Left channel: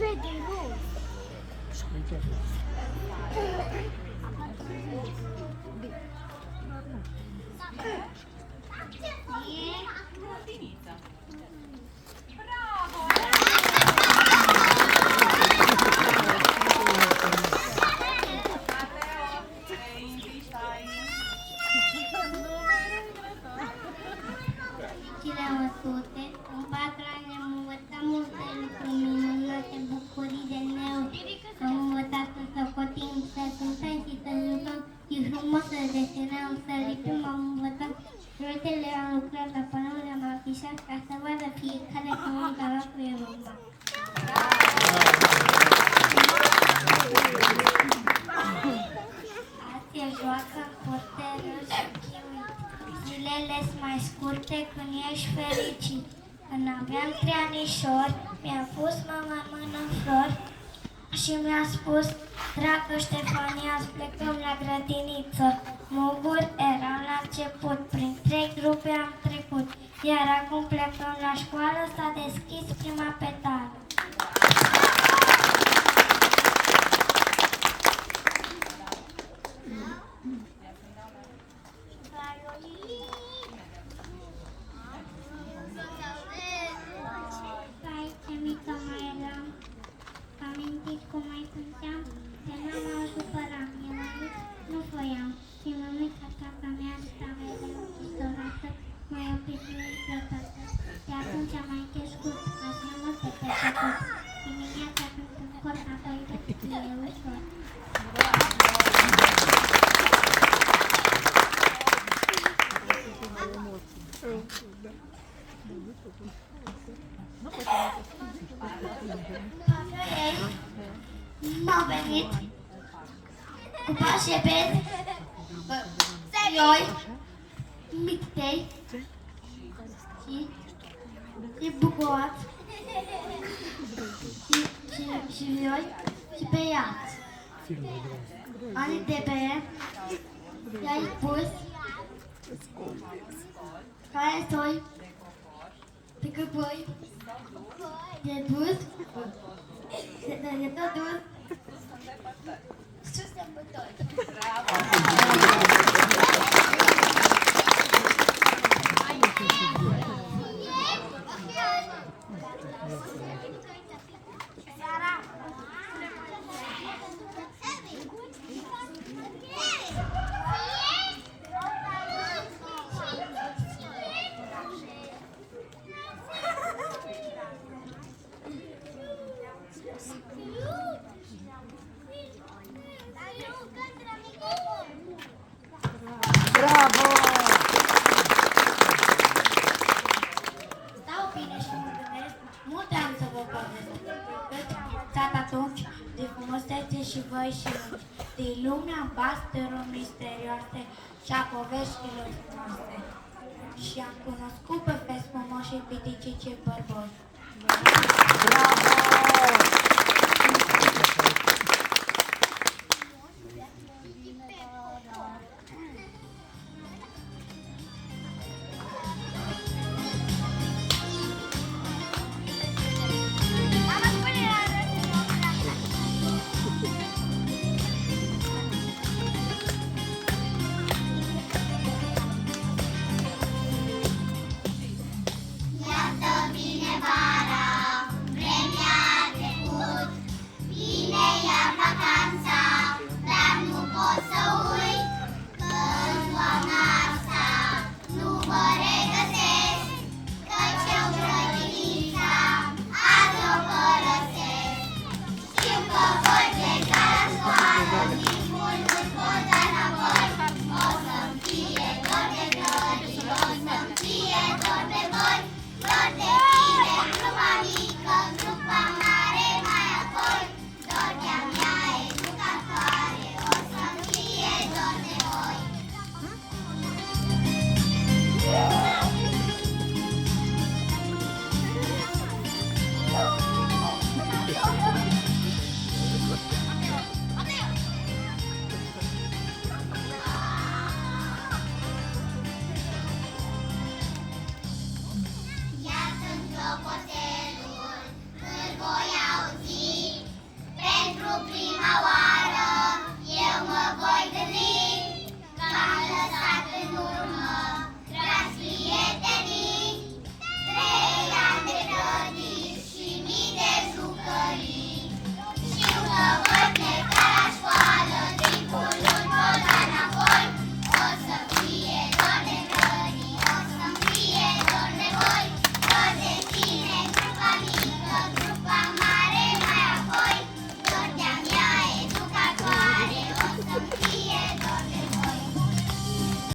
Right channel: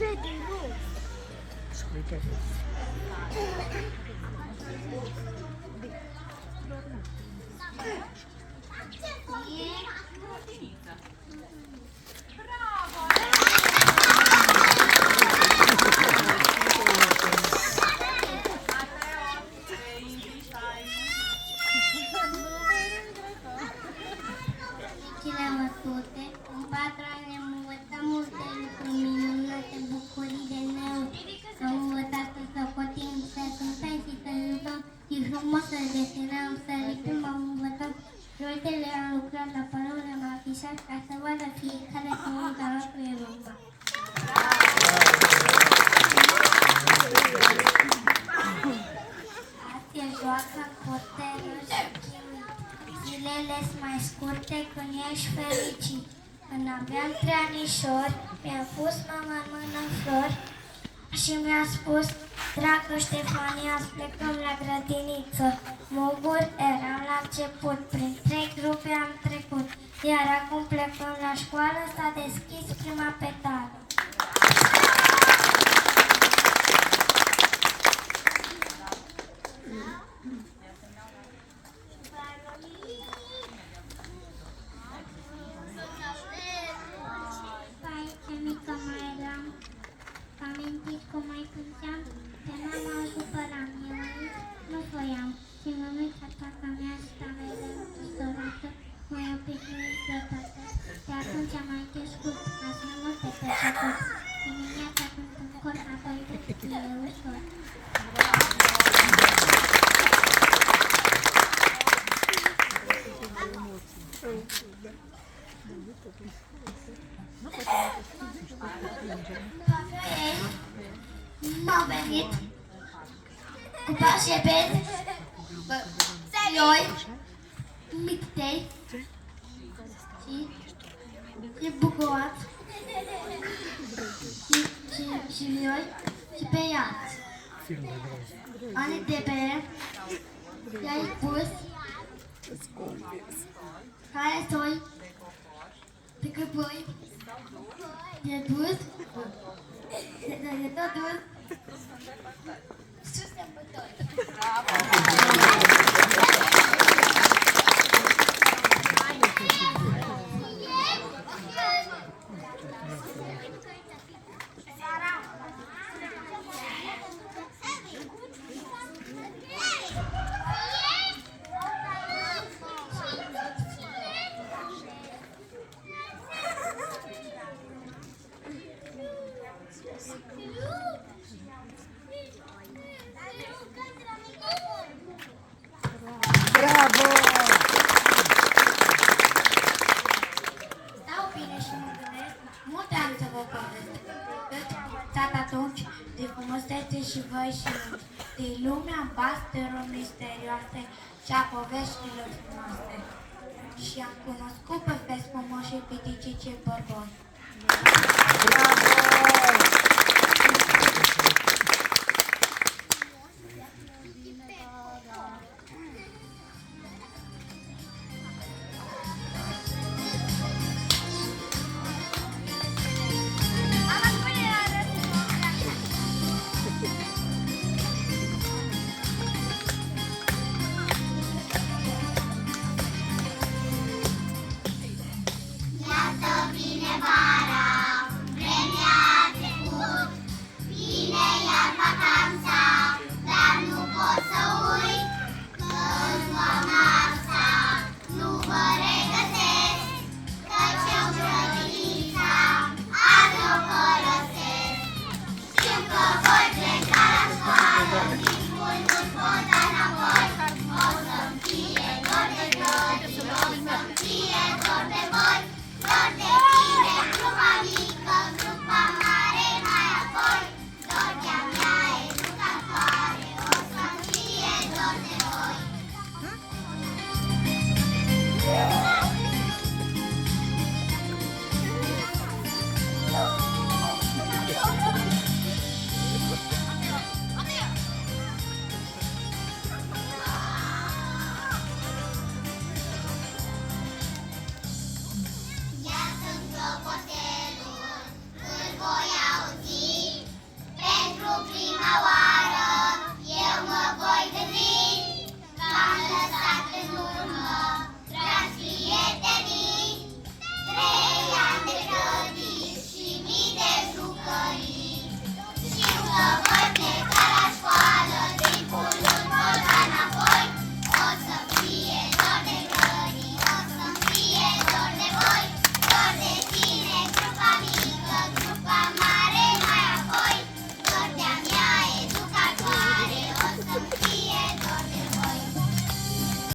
În 4 ani am învățat multe lucruri minunate, bucurii de meu. Am învățat să socotim, să cântăm și să jucăm. E frumos să desenăm, să lipim, am învățat. Proiectele am lucrat, la panoul le-am afișat, ca să vadă fiecare că munca noastră e rumba. Azi e joacă, porterul și chiuit. Zilele-s mai scurte când ești fericit. Când aveam 3 anișori, mi-a pus mama în mână flori și mi-a spus: dragă Ștefania, plecăm la grădiniță. Mă bucur, eram la început, prin 3 grupe am trecut, iar acum plecăm la școală, s-a deschis prima petală. Cum mai cânteam, pe mama o supăram, eu nu voiam, și mămica tata mea stava distorată, mai obișnuit de toată. De atunci am mai crescut, azi mai mult de peste tot. Dimineața când în corp adormit, e ușor. M-a venit cu pașepet, ioi, mixtei și bucoat și ioi și pe ea. Ani de bere, i-ai pus, care soi, de căpăi, de dus, de tot dus, și sărbători. Bravo! Stau bine și mă gândesc, multe am să vă povestesc. Căci am învățat atunci de frumusețe și voi și lungi, de lumea bastelor misterioase și a poveștilor frumoase. Și am cunoscut pe frumoși și piticice bărboi.